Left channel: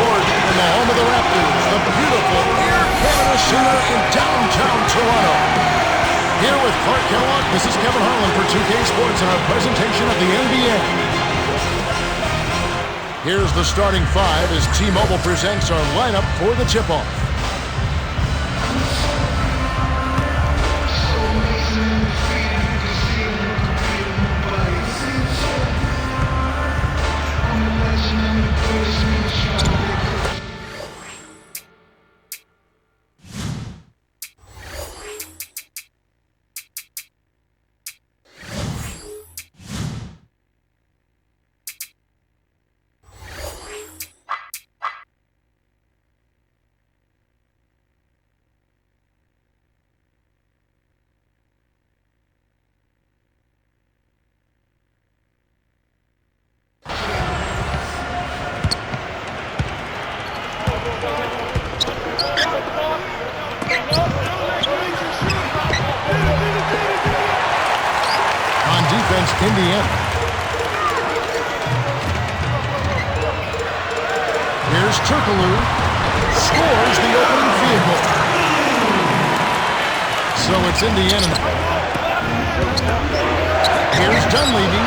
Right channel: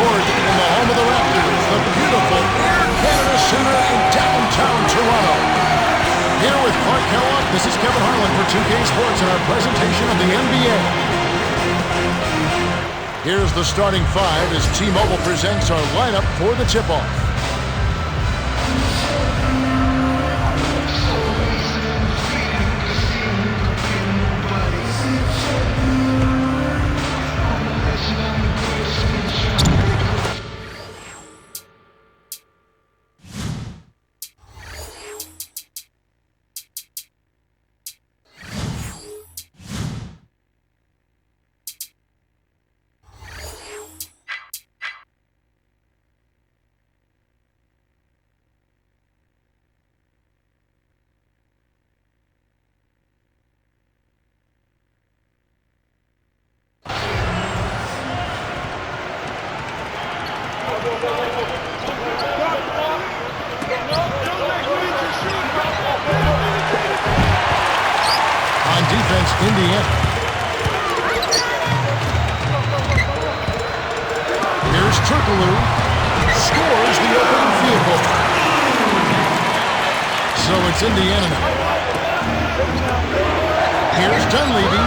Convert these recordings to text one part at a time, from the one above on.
court in the home of the Raptors, the beautiful Air Canada Center in downtown Toronto. Here with Clark Kellogg, this is Kevin Harlan for 2K Sports and our presentation of the NBA. Here's the starting five as T-Mobile presents our lineup for the tip-off. On defense, Indiana. Here's Turkaloo. Scores the opening field goal. So it's Indiana now. Here's Dunleavy.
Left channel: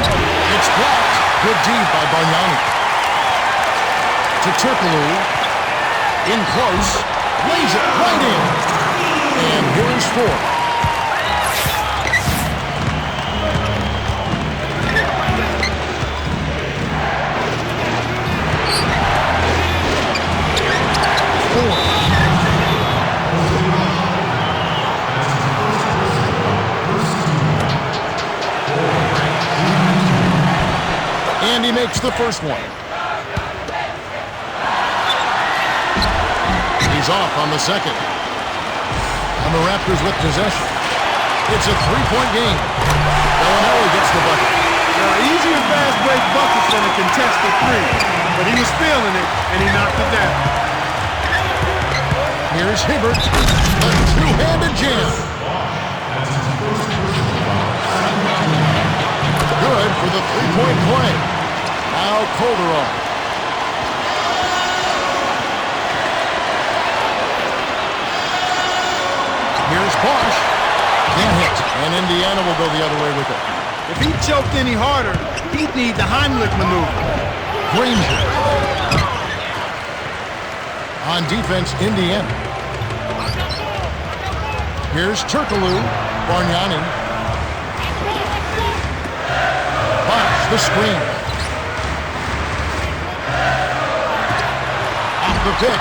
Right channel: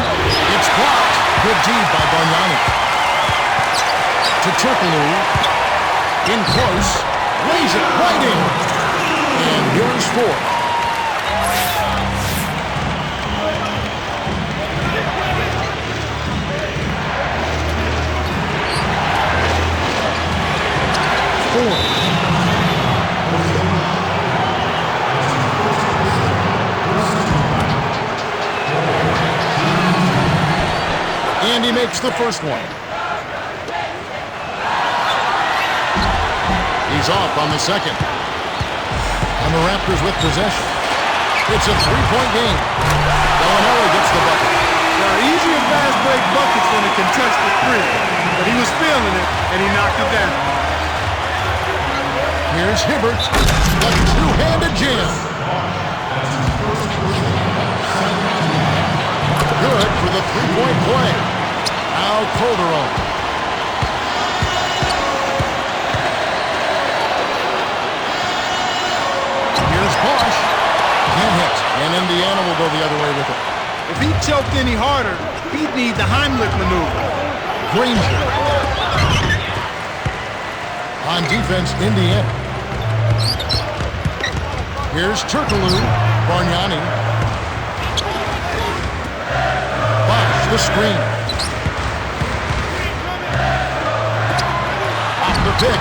It's blocked. Good D by Bargnani. To Turkaloo. In close. Lays it right in. And here is four. And he makes the first one. He's off on the second. And the Raptors with possession. It's a three-point game. Bellinelli gets the bucket. There are easier fast break buckets than a contested three, but he was feeling it, and he knocked it down. Here's Hibbert, a two-handed jam. That's his first personal foul, second team foul. Good for the three-point play. Now Calderon. Here's Bosch. Can't hit, and Indiana will go the other way with it. If he choked any harder, he'd need the Heimlich maneuver. Granger. On defense, Indiana. Here's Turkaloo. Bargnani. Bosch, the screen. Off the pick.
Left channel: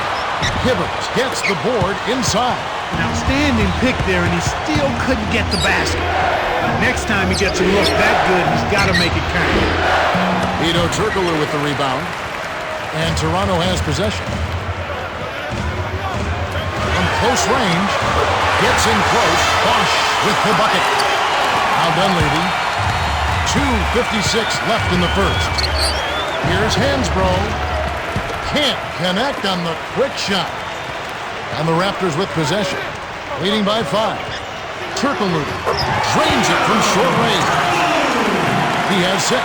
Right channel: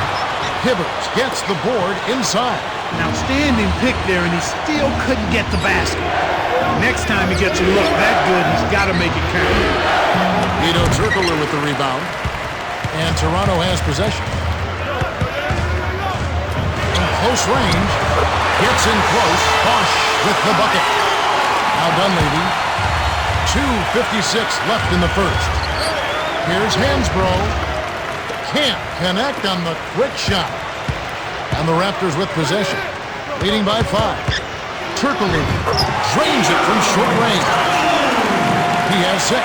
Hibbert gets the board inside. An outstanding pick there, and he still couldn't get the basket. Next time he gets a look that good, he's got to make it count. Hedo Turkaloo with the rebound. And Toronto has possession. From close range, gets in close. Bosch with the bucket. Now Dunleavy. 2:56 left in the first. Here's Hansbrough. Can't connect on the quick shot. And the Raptors with possession. Leading by 5. Turkaloo drains it from short range. He has 6.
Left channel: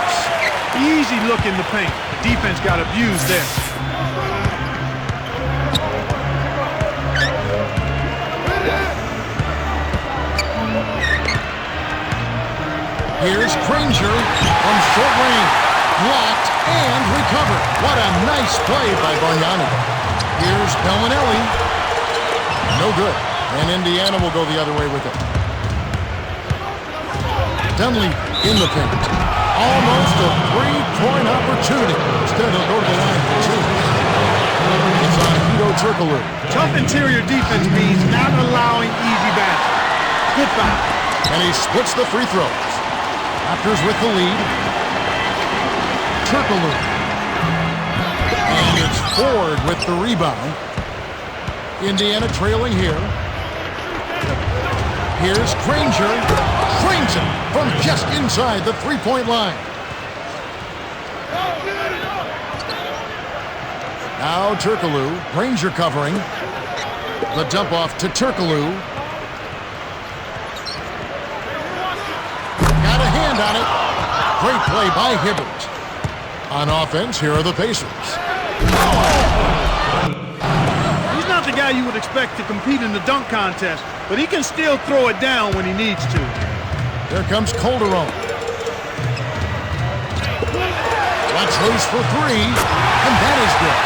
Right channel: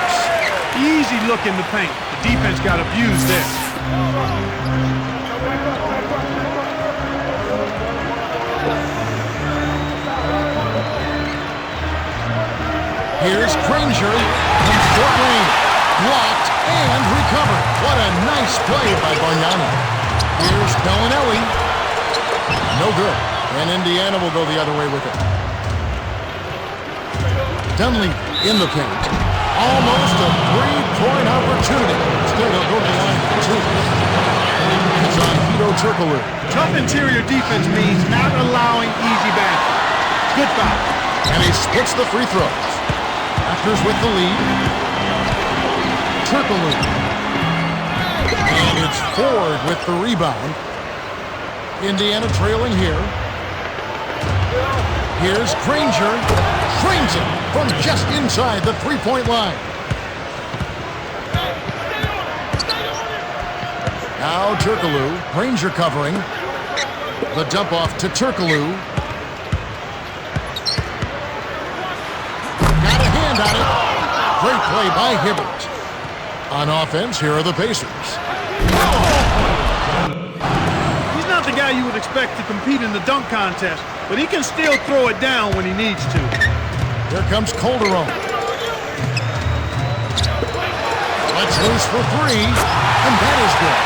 Easy look in the paint. The defense got abused there. Here's Granger from short range. Blocked and recovered. What a nice play by Bargnani. Here's Bellinelli. No good. And Indiana will go the other way with it. Dunleavy in the paint. Almost a three-point opportunity. Instead, he'll go to the line for 2. It's on Hedo Turkaloo. Tough interior defense means not allowing easy baskets. Good foul. And he splits the free throws. Raptors with the lead. Turkaloo. And it's Ford with the rebound. Indiana trailing here. Here's Granger. Drains it from just inside the three-point line. Now Turkaloo. Granger covering. The dump off to Turkaloo. Got a hand on it. Great play by Hibbert. On offense, here are the Pacers. Oh! not the guy you would expect to compete in the dunk contest, but he can still throw it down when he needs to. Here comes Calderon. Lets loose for three, and that is good.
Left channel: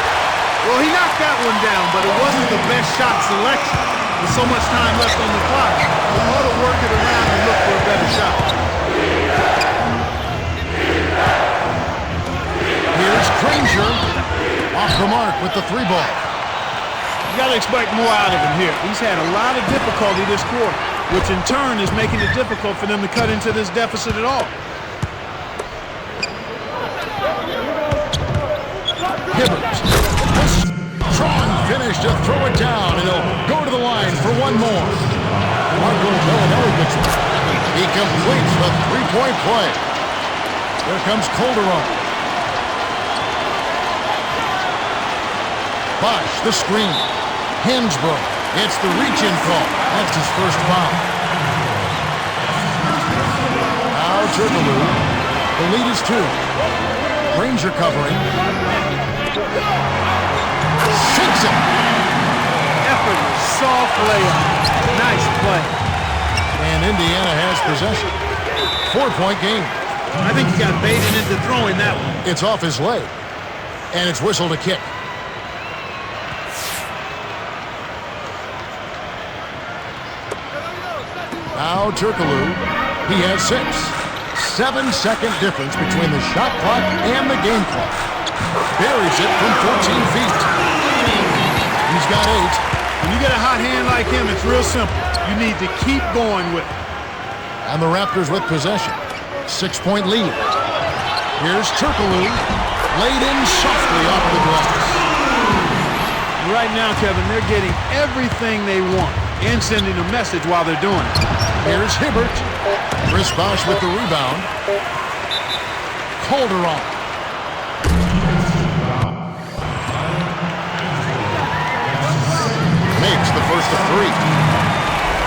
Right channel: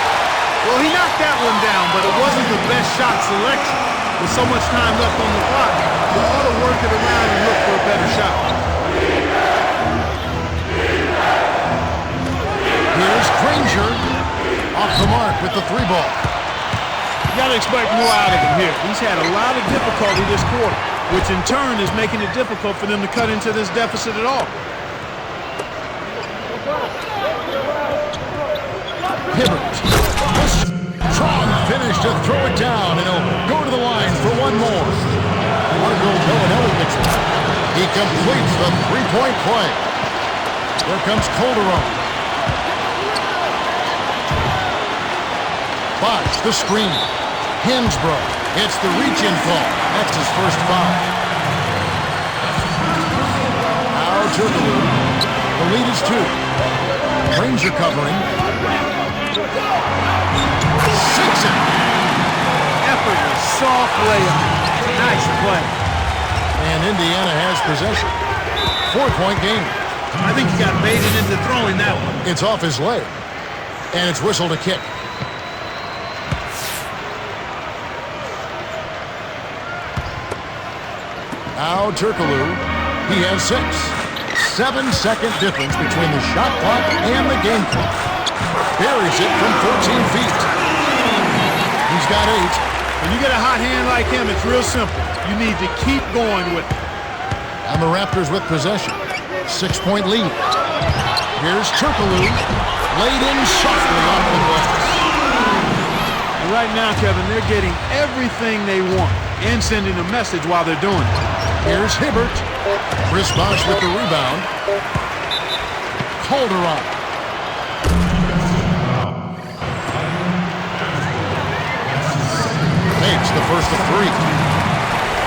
Well, he knocked that one down, but it wasn't the best shot selection. With so much time left on the clock, you ought to work it around and look for a better shot. Here's Granger. Off the mark with the three ball. You got to expect more out of him here. He's had a lot of difficulty this quarter, which in turn is making it difficult for them to cut into this deficit at all. Hibbert. A strong finish to throw it down, and he'll go to the line for one more. Marco Bellinelli gets one. He completes the three-point play. Here comes Calderon. Bosch, the screen. Hansbrough gets the reach-in call. That's his first foul. Now Turkaloo. The lead is 2. Granger covering. Sinks it. Effortless, soft layup. Nice play. And Indiana has possession. 4-point game. I think he got baited into throwing that one. It's off his leg. And it's whistled a kick. Now Turkaloo. He has 6. 7-second difference between the shot clock and the game clock. Buries it from 14 feet. He's got 8. When you get a hot hand like him, it's real simple. You need to keep going with it. And the Raptors with possession. 6-point lead. Here's Turkaloo. Laid in softly off the glass. And right now, Kevin, they're getting everything they want and sending a message while they're doing it. Here's Hibbert. Chris Bosch with the rebound. Calderon. Makes the first of 3.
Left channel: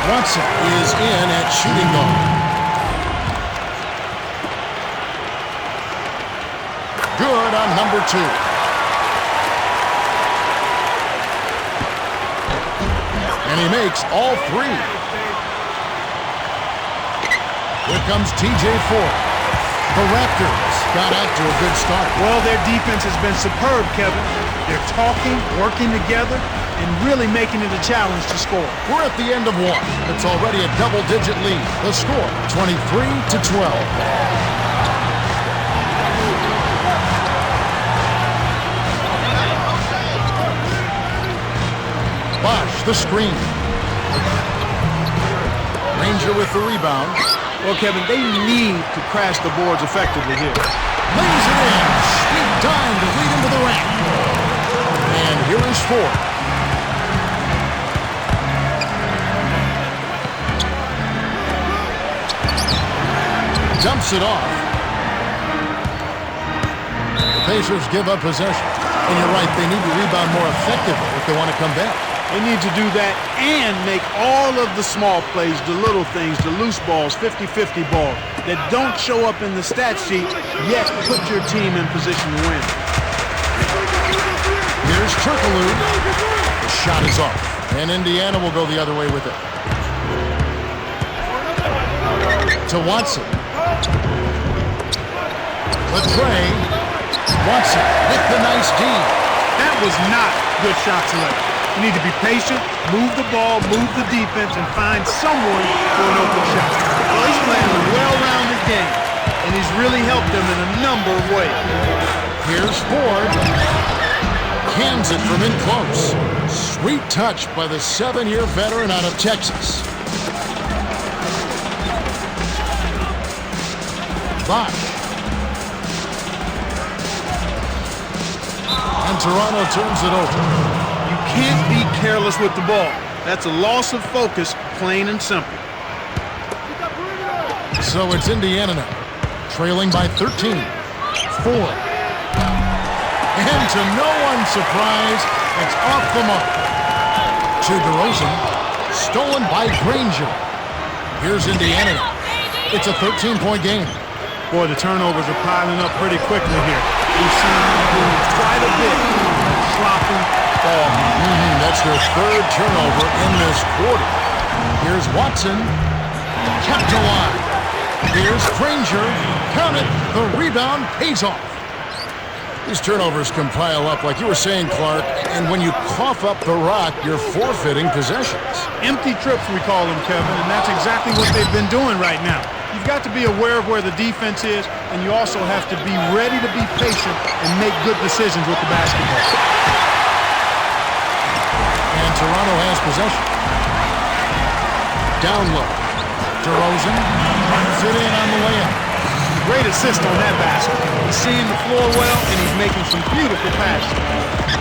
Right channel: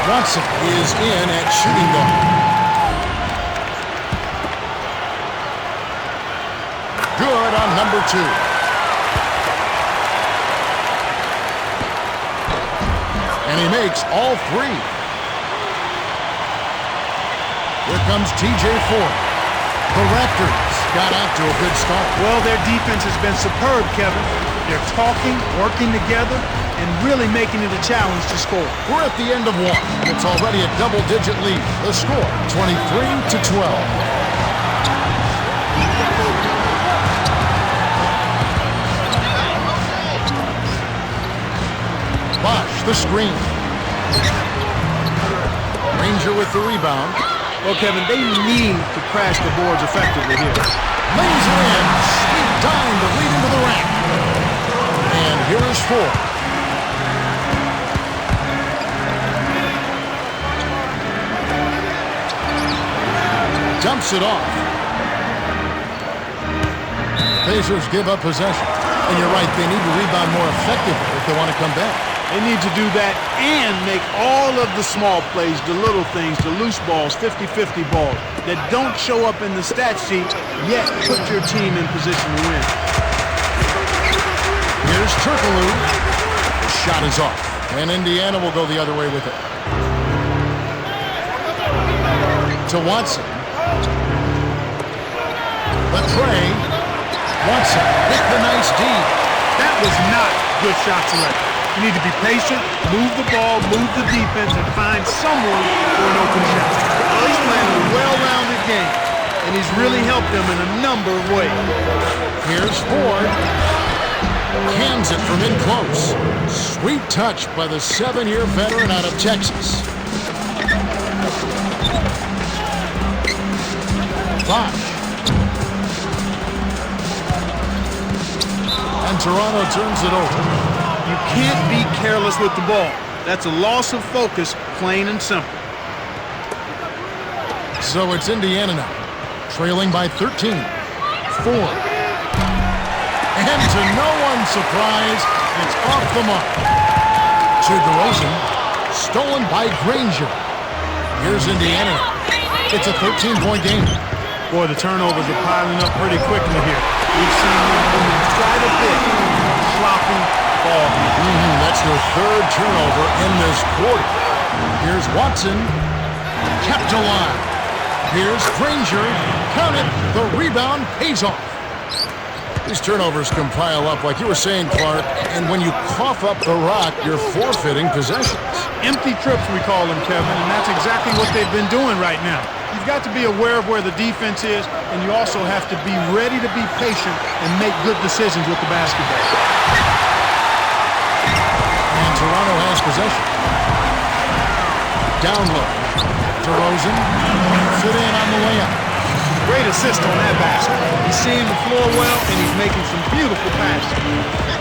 Watson is in at shooting guard. Good on number 2. And he makes all 3. Here comes TJ Ford. The Raptors got out to a good start. Well, their defense has been superb, Kevin. They're talking, working together, and really making it a challenge to score. We're at the end of 1, and it's already a double-digit lead. The score, 23-12. Bosch, the screen. Granger with the rebound. Well, Kevin, they need to crash the boards effectively here. Lays it in. Sweet dime to lead into the rack. And here is Ford. Dumps it off. The Pacers give up possession. And you're right, they need to rebound more effectively if they want to come back. They need to do that and make all of the small plays, the little things, the loose balls, 50-50 balls that don't show up in the stat sheet, yet put your team in position to win. Here's Turkaloo. The shot is off, and Indiana will go the other way with it. To Watson. The tray. Watson with the nice D. That was not good shot selection. You need to be patient, move the ball, move the defense, and find someone for an open shot. Well, he's playing a well-rounded game, and he's really helped them in a number of ways. Here's Ford. Cans it from in close. Sweet touch by the 7-year veteran out of Texas. Bosch. And Toronto turns it over. You can't be careless with the ball. That's a loss of focus, plain and simple. So it's Indiana now, trailing by 13. Ford. And to no one's surprise, it's off the mark. To DeRozan, stolen by Granger. Here's Indiana now. It's a 13-point game. Boy, the turnovers are piling up pretty quickly here. We've seen them doing quite a bit of sloppy, ball handling. That's their third turnover in this quarter. Here's Watson, kept alive. Here's Granger, count it, the rebound pays off. These turnovers can pile up, like you were saying, Clark, and when you cough up the rock, you're forfeiting possessions. Empty trips, we call them, Kevin, and that's exactly what they've been doing right now. You've got to be aware of where the defense is, and you also have to be ready to be patient and make good decisions with the basketball. And Toronto has possession. Down low. DeRozan drops it in on the layup. Great assist on that basket. He's seeing the floor well, and he's making some beautiful passes.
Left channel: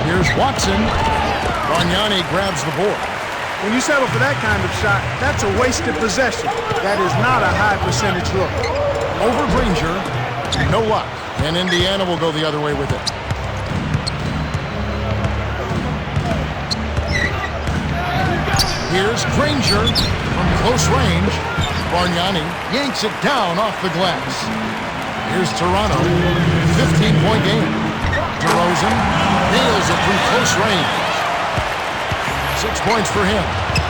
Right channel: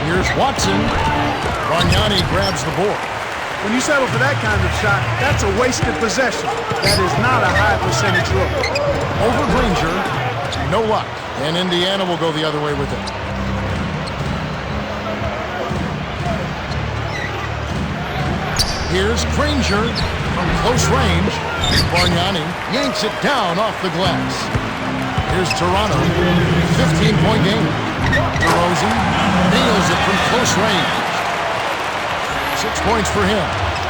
Here's Watson. Bargnani grabs the board. When you settle for that kind of shot, that's a wasted possession. That is not a high percentage look. Over Granger. No luck. And Indiana will go the other way with it. Here's Granger from close range. Bargnani yanks it down off the glass. Here's Toronto, 15-point game. DeRozan nails it from close range. 6 points for him.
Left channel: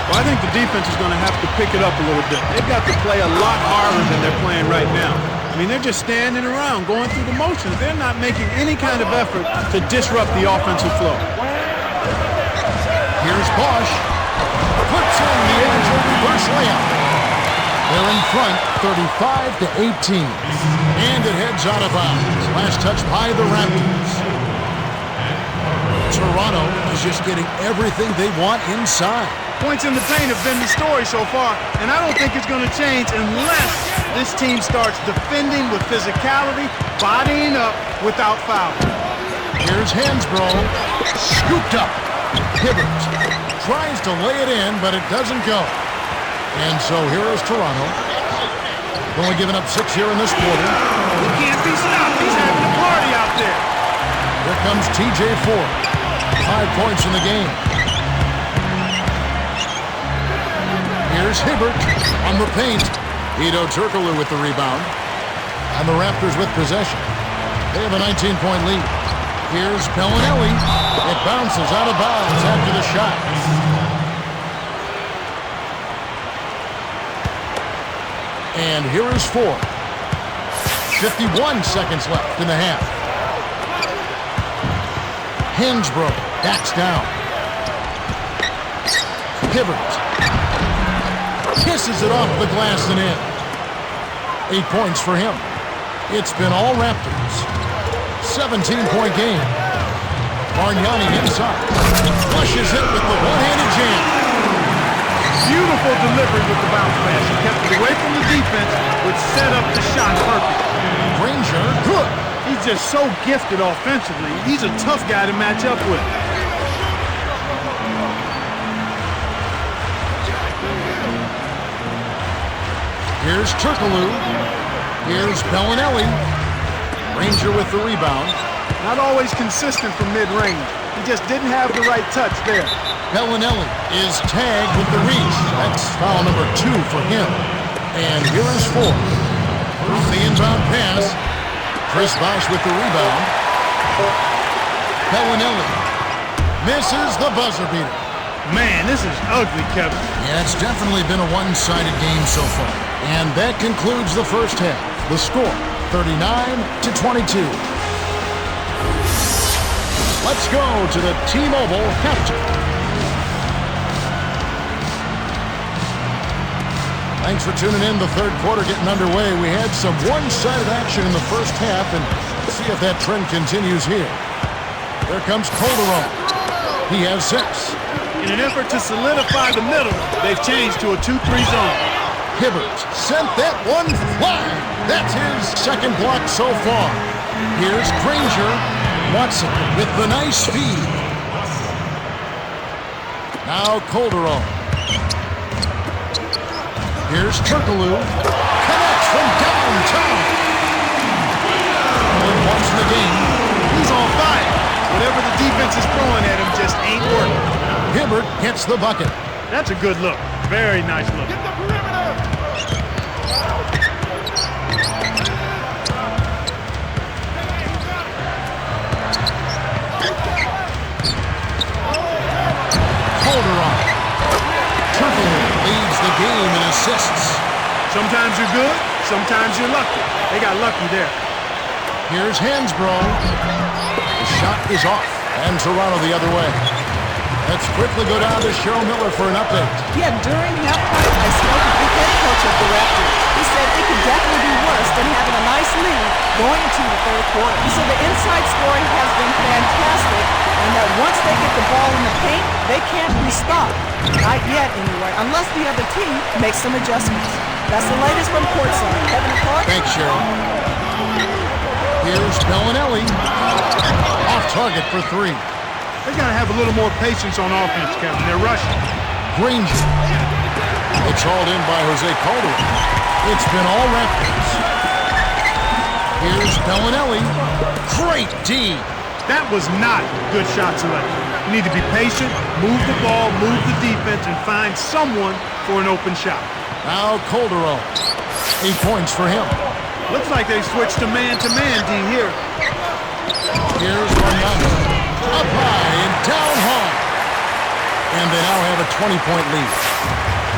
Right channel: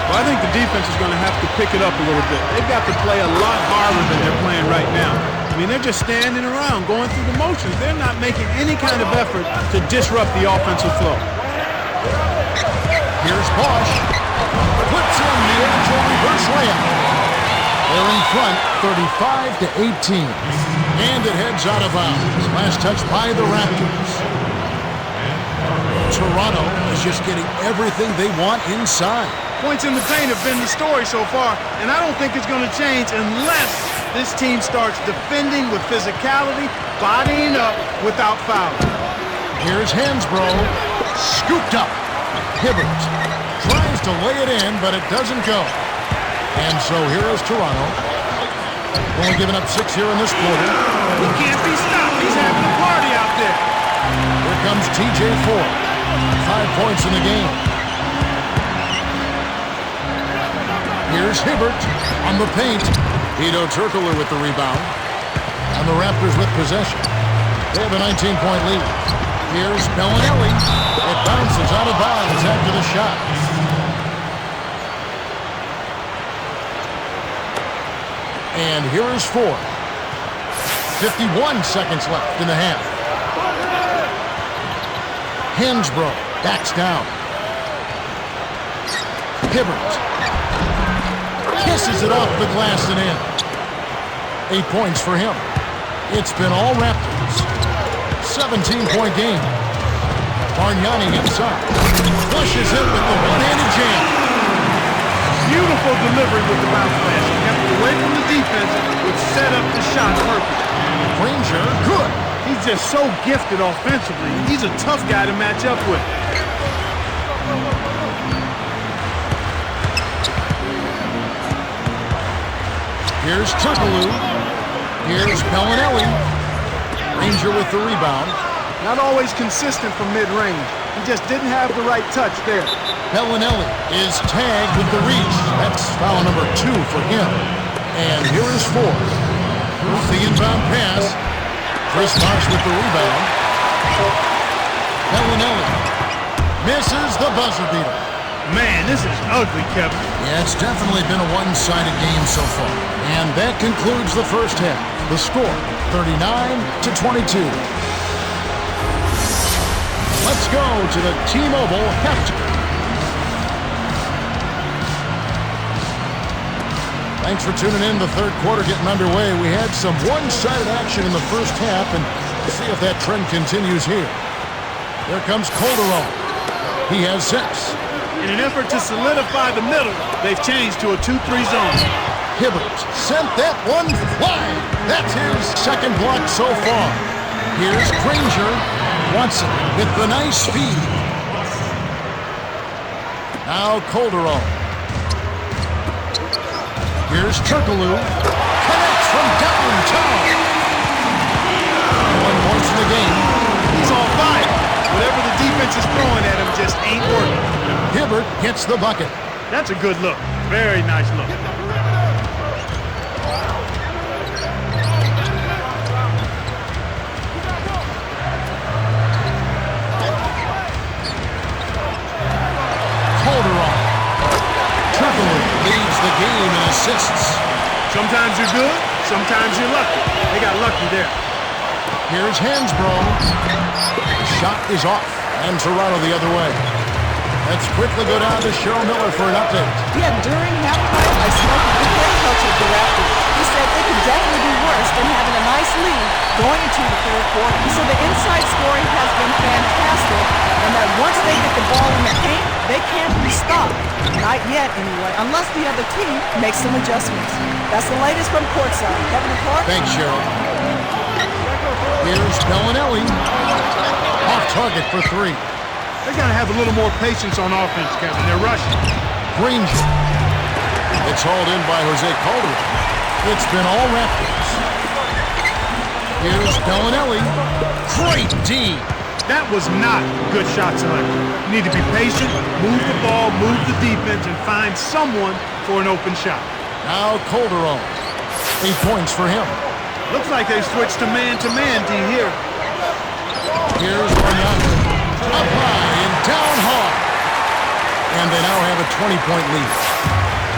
Well, I think the defense is going to have to pick it up a little bit. They've got to play a lot harder than they're playing right now. I mean, they're just standing around, going through the motions. They're not making any kind of effort to disrupt the offensive flow. Here's Bosch. Puts in the agile reverse layup. They're in front, 35-18. And it heads out of bounds. Last touch by the Raptors. Toronto is just getting everything they want inside. Points in the paint have been the story so far, and I don't think it's going to change unless this team starts defending with physicality, bodying up without fouling. Here's Hansbrough, scooped up. Hibbert tries to lay it in, but it doesn't go. And so here is Toronto. Only giving up 6 here in this quarter. He can't be stopped. He's having a party out there. Here comes TJ Ford. 5 points in the game. Here's Hibbert on the paint. Hedo Turkoglu with the rebound. And the Raptors with possession. They have a 19-point lead. Here's Bellinelli. It bounces out of bounds after the shot. And here is Ford. 51 seconds left in the half. Hansbrough backs down. Hibbert kisses it off the glass and in. 8 points for him. It's been all Raptors. 17-point game. Bargnani inside. Flushes it with the one-handed jam. Beautiful delivery with the bounce pass. He kept it away from the defense, which set up the shot perfect. Granger, good. He's just so gifted offensively. He's a tough guy to match up with. Here's Turkoglu. Here's Bellinelli. Granger with the rebound. Not always consistent from mid-range. He just didn't have the right touch there. Bellinelli is tagged with the reach. That's foul number 2 for him. And here is Ford. Off the inbound pass. Chris Bosh with the rebound. Bellinelli misses the buzzer beater. Man, this is ugly, Kevin. Yeah, it's definitely been a one-sided game so far. And that concludes the first half. The score, 39-22. Let's go to the T-Mobile halftime. Thanks for tuning in. The third quarter getting underway. We had some one-sided action in the first half, and see if that trend continues here. Here comes Calderon. He has 6. In an effort to solidify the middle, they've changed to a 2-3 zone. Hibbert sent that one flying. That's his second block so far. Here's Granger. Watson with the nice feed. Now Calderon. Here's Turkoglu. Connects from downtown. 21 points in the game. He's on fire. Whatever the defense is throwing at him just ain't working. Hibbert gets the bucket. That's a good look. Very nice look. Calderon. Turkaloo leads the game in assists. Sometimes you're good, sometimes you're lucky. They got lucky there. Here's Hansbrough. The shot is off, and Toronto the other way. Let's quickly go down to Cheryl Miller for an update. Yeah, during halftime, I spoke with the head coach of the Raptors. He said it could definitely be worse than having a nice lead going into the third quarter. He said the inside scoring has been fantastic, and that once they get the ball in the paint, they can't be stopped. Not yet, anyway, unless the other team makes some adjustments. That's the latest from courtside. Kevin and Clark. Thanks, Cheryl. Here's Bellinelli. Off target for three. They got to have a little more patience on offense, Kevin. They're rushing. Granger. It's hauled in by Jose Calderon. It's been all Raptors. Here's Bellinelli. Great D. That was not good shot selection. You need to be patient, move the ball, move the defense, and find someone for an open shot. Now Calderon. 8 points for him. Looks like they switched to man-to-man D here. Here's Bargnani. Up high and down hard. And they now have a 20-point lead.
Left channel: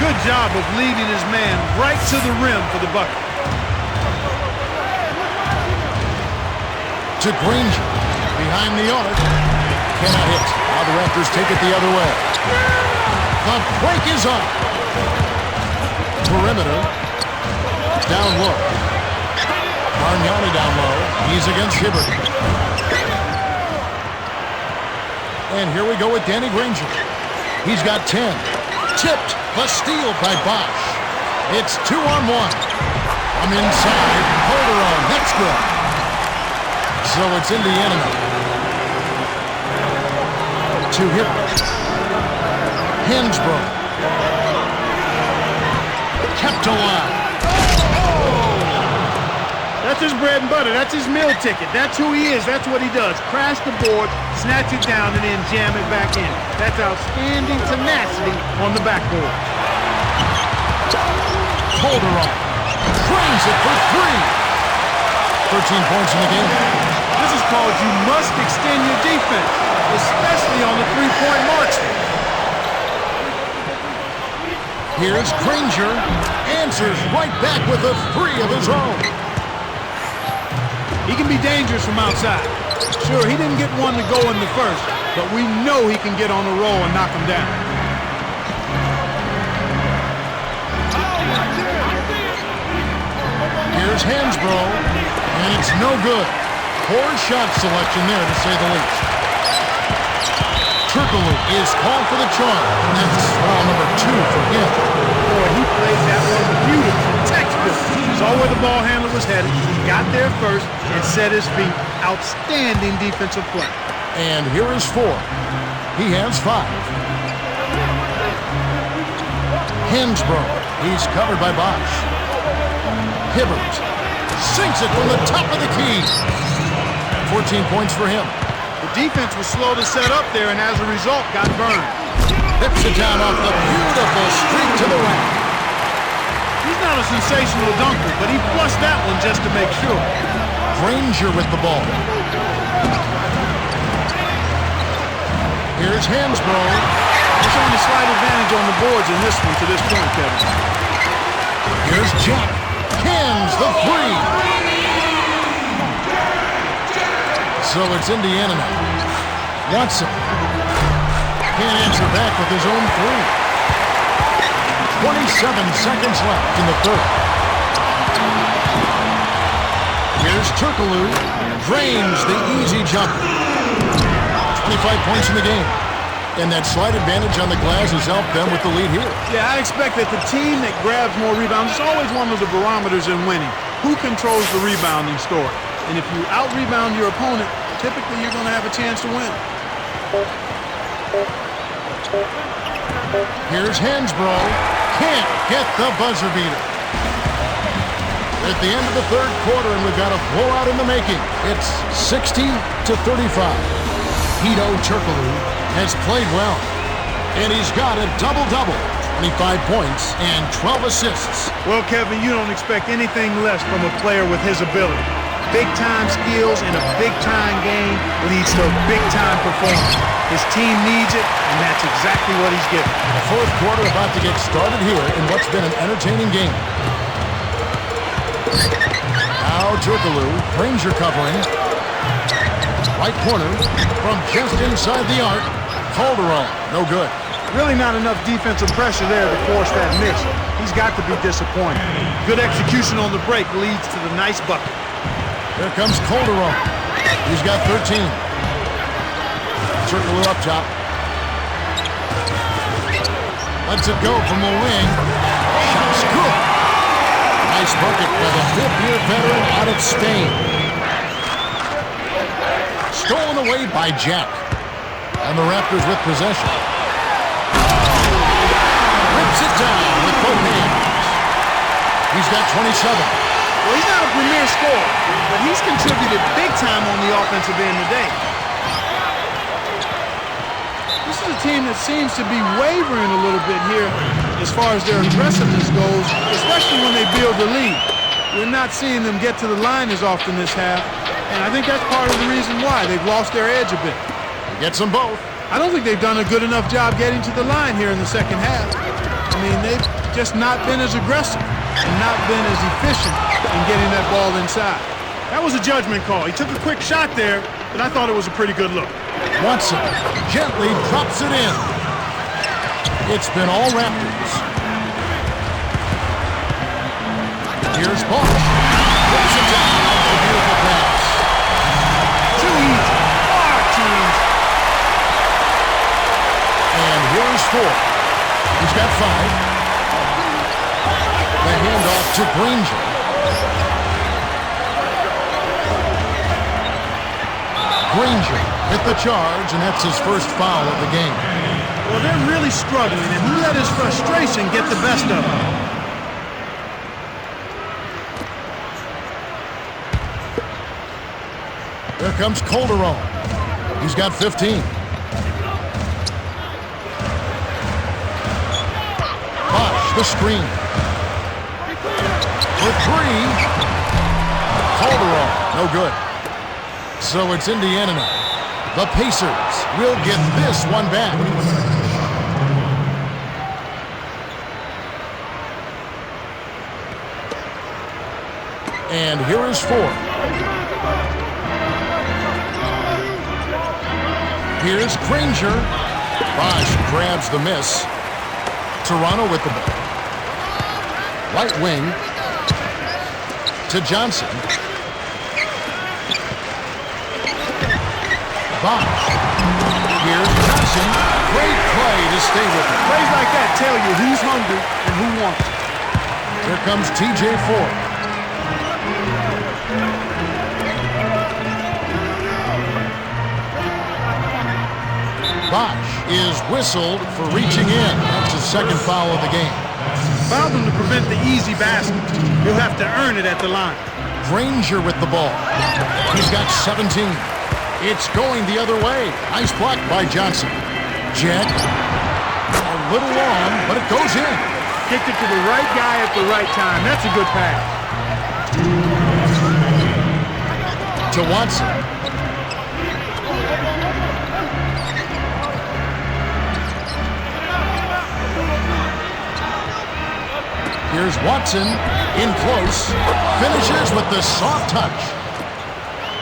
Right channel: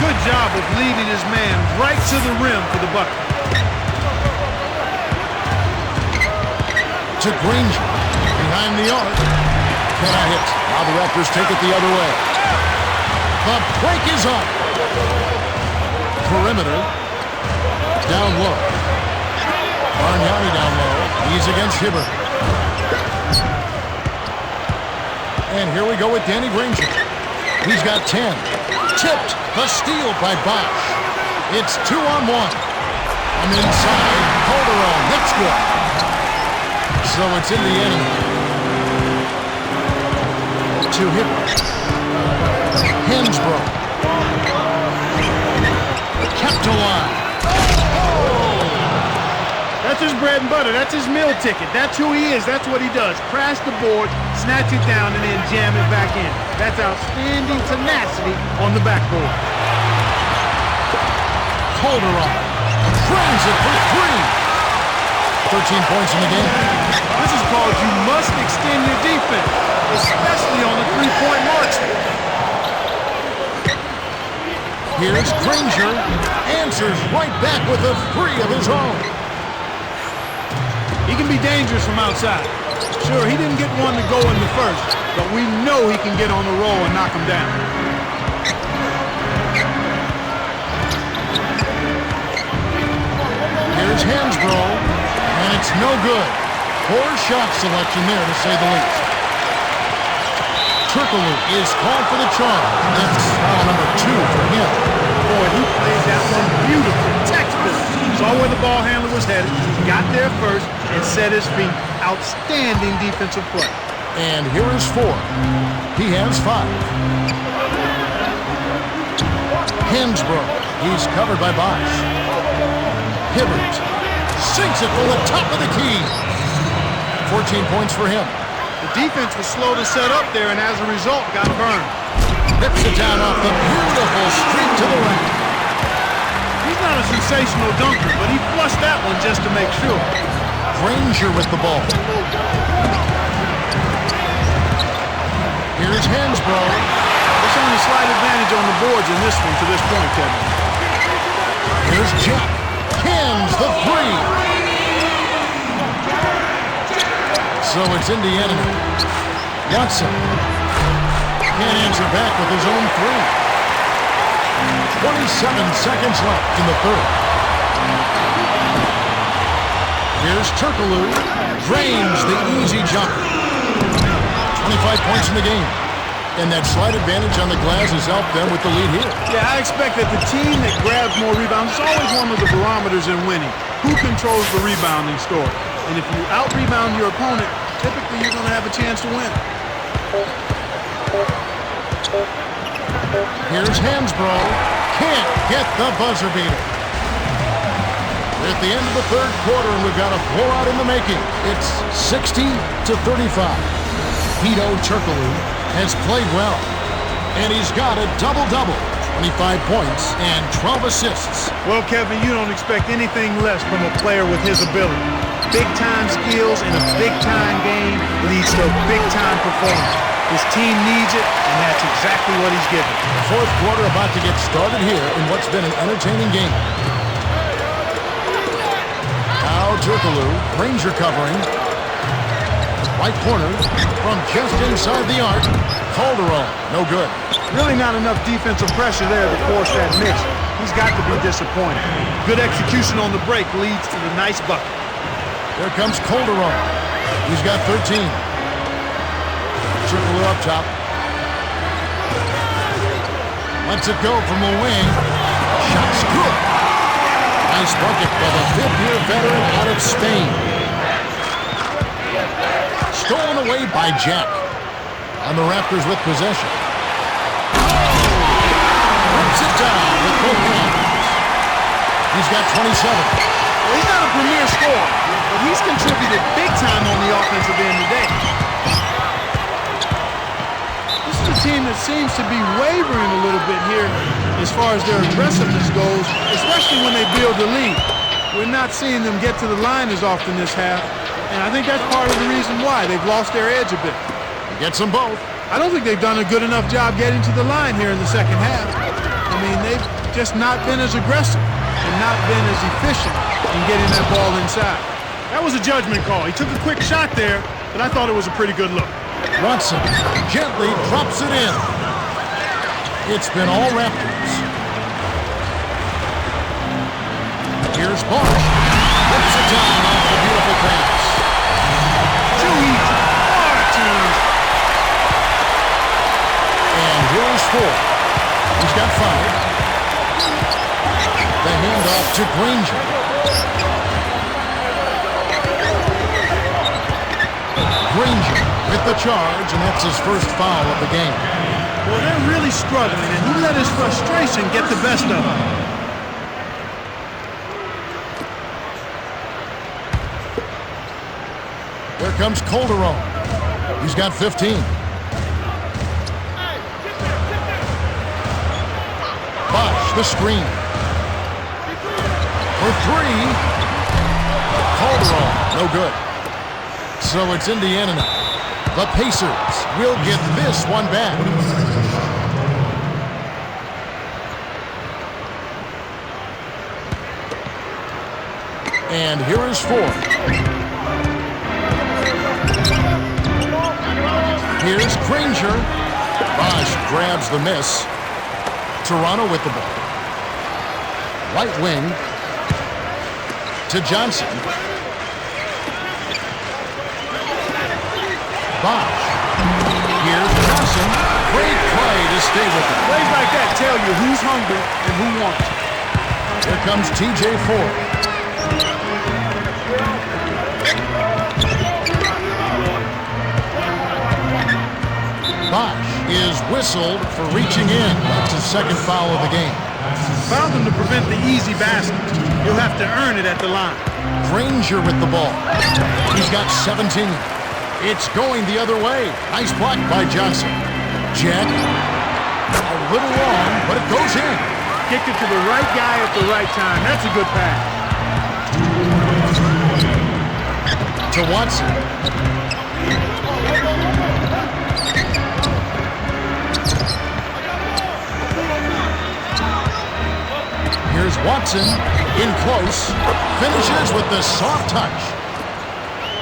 Good job of leading his man right to the rim for the bucket. To Granger. Behind the arc. Cannot hit. Now the Raptors take it the other way. The break is up. Perimeter. Down low. Bargnani down low. He's against Hibbert. And here we go with Danny Granger. He's got 10. Tipped. The steal by Bosch. It's 2-on-1. From inside, Calderon. That's good. So it's Indiana now. To Hibbert. Hansbrough. Kept alive. That's his bread and butter. That's his meal ticket. That's who he is. That's what he does. Crash the board, snatch it down, and then jam it back in. That's outstanding tenacity on the backboard. Calderon drains it for three. 13 points in the game. This is called you must extend your defense, especially on the three-point marksman. Here's Granger. Answers right back with a three of his own. He can be dangerous from outside. Sure, he didn't get one to go in the first, but we know he can get on the roll and knock him down. Here's Hansbrough, and it's no good. Poor shot selection there, to say the least. Turkaloo is called for the charge, and that's foul number 2 for him. Boy, he played that one beautifully. Textbook. Saw where the ball handler was headed, got there first, and set his feet. Outstanding defensive play. And here is 4. He has 5. Hansbrough. He's covered by Bosch. Hibbert sinks it from the top of the key. 14 points for him. The defense was slow to set up there, and as a result, got burned. Rips it down off the beautiful streak to the rack. He's not a sensational dunker, but he flushed that one just to make sure. Granger with the ball. Here's Hansbrough. They're showing a slight advantage on the boards in this one to this point, Kevin. Here's Jack. Cans the 3. So it's Indiana now. Watson can't answer back with his own 3. 27 seconds left in the third. Here's Turkaloo. Drains the easy jumper. 25 points in the game. And that slight advantage on the glass has helped them with the lead here. Yeah, I expect that the team that grabs more rebounds is always one of the barometers in winning. Who controls the rebounding story? And if you out-rebound your opponent, typically you're going to have a chance to win. Here's Hansbrough. Can't get the buzzer beater. We're at the end of the third quarter, and we've got a blowout in the making. It's 60-35. Hedo Turkaloo has played well, and he's got a double-double. 25 points and 12 assists. Well, Kevin, you don't expect anything less from a player with his ability. Big-time skills in a big-time game leads to a big-time performance. His team needs it, and that's exactly what he's given. The fourth quarter about to get started here in what's been an entertaining game. Now Turkaloo, Granger covering. Right corner from just inside the arc. Calderon, no good. Really not enough defensive pressure there to force that miss. He's got to be disappointed. Good execution on the break leads to the nice bucket. Here comes Calderon. He's got 13. Turkaloo up top. Lets it go from the wing. Shot's good. Nice bucket by the fifth-year veteran out of Spain. Stolen away by Jack. And the Raptors with possession. Rips it down with both hands. He's got 27. Well, he's not a premier scorer, but he's contributed big time on the offensive end today. This is a team that seems to be wavering a little bit here as far as their aggressiveness goes, especially when they build the lead. We're not seeing them get to the line as often this half, and I think that's part of the reason why they've lost their edge a bit. He gets them both. I don't think they've done a good enough job getting to the line here in the second half. I mean, they've just not been as aggressive and not been as efficient in getting that ball inside. That was a judgment call. He took a quick shot there, but I thought it was a pretty good look. Watson gently drops it in. It's been all Raptors. Here's Bosch. Rips it down off the beautiful pass. Too easy. Far too easy. And here is 4. He's got 5. The handoff to Granger. Granger with the charge, and that's his first foul of the game. Well, they're really struggling, and he let his frustration get the best of him. Here comes Calderon. He's got 15. Bosch, the screen. For 3. Calderon, no good. So it's Indiana now. The Pacers will get this one back. 21 seconds on the shot clock. 21. And here is 4. Here's Granger. Bosch grabs the miss. Toronto with the ball. Right wing to Johnson. Bosch. Here's Johnson. Great play to stay with him. Plays like that tell you who's hungry and who wants it. Here comes TJ Ford. Bosch is whistled for reaching in. That's his second foul of the game. Fouled him to prevent the easy basket. He'll have to earn it at the line. Granger with the ball. He's got 17. It's going the other way. Nice block by Johnson. Jack, a little long, but it goes in. Kicked it to the right guy at the right time. That's a good pass. To Watson. Here's Watson in close. Finishes with the soft touch.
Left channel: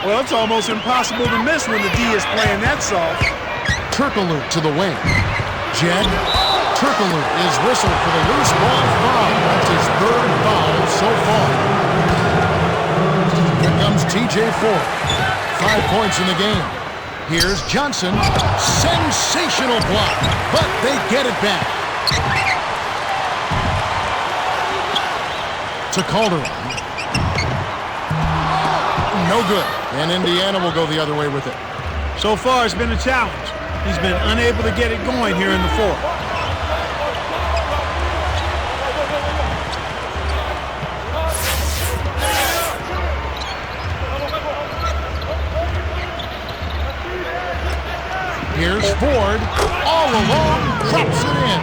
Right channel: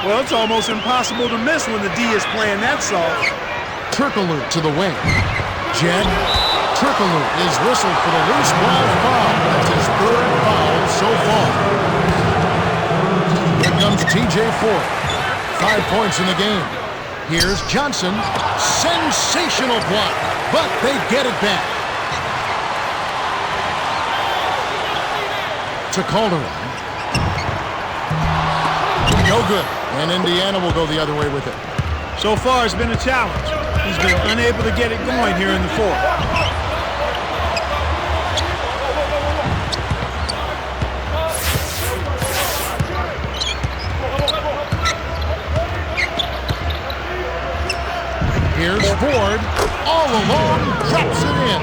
Well, it's almost impossible to miss when the D is playing that soft. Turkaloo to the wing. Jack. Turkaloo is whistled for the loose ball foul. That's his third foul so far. Here comes TJ Ford. 5 points in the game. Here's Johnson. Sensational block, but they get it back. To Calderon. No good. And Indiana will go the other way with it. So far, it's been a challenge. He's been unable to get it going here in the fourth. Here's Ford. All alone, drops it in.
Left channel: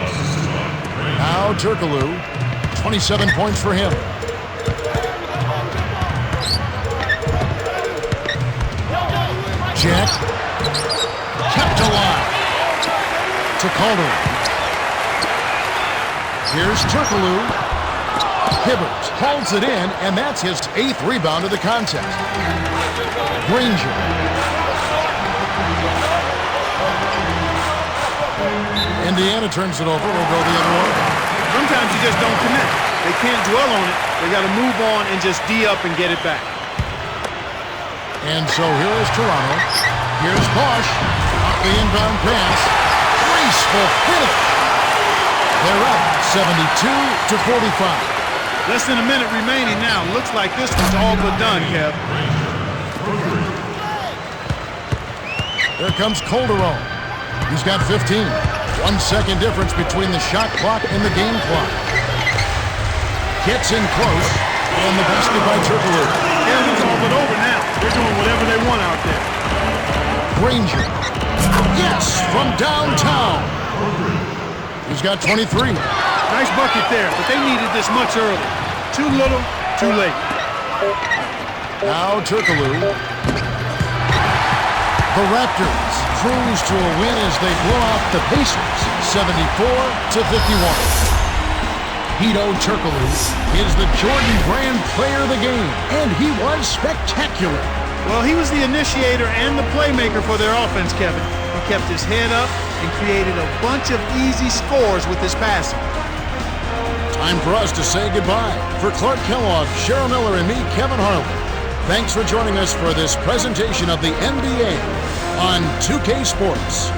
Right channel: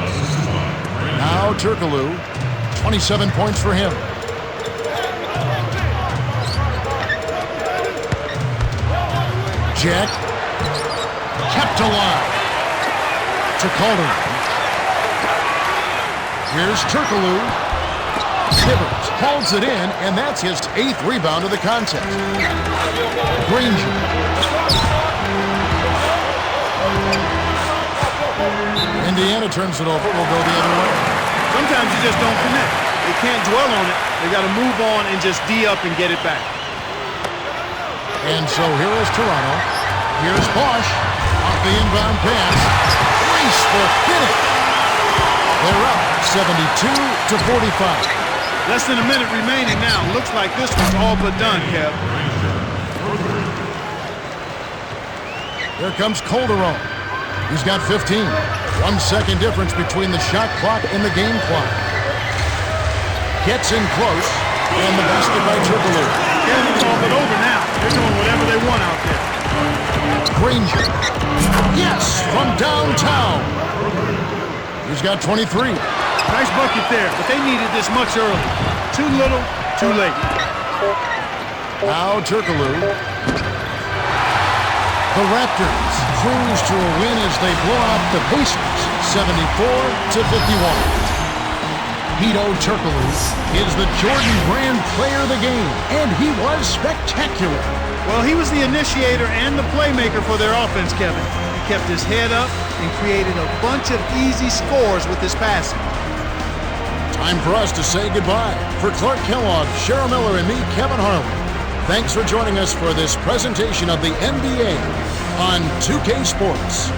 Now Turkaloo. 27 points for him. Jack kept July to Calderon. Here's Turkaloo. Hibbert holds it in, and that's his 8th rebound of the contest. Granger. Indiana turns it over. We'll go the other way. Sometimes you just don't connect. They can't dwell on it. They got to move on and just D up and get it back. And so here is Toronto. Here's Bosch off the inbound pass. Graceful finish. They're up 72-45. Less than a minute remaining now. Looks like this one's all but done, Kev. Here comes Calderon. He's got 15. 1 second difference between the shot clock and the game clock. Gets in close, and the basket by Turkaloo. Kevin, it's all but over now. They're doing whatever they want out there. Granger. Yes, from downtown. He's got 23. Nice bucket there, but they needed this much early. Too little, too late. Now Turkaloo. The Raptors cruise to a win as they blow out the Pacers, 74-51. Hedo Turkaloo is the Jordan Brand player of the game, and he was spectacular. Well, he was the initiator and the playmaker for their offense, Kevin. He kept his head up and created a bunch of easy scores with his passing. Time for us to say goodbye. For Clark Kellogg, Cheryl Miller, and me, Kevin Harlan, thanks for joining us for this presentation of the NBA on 2K Sports.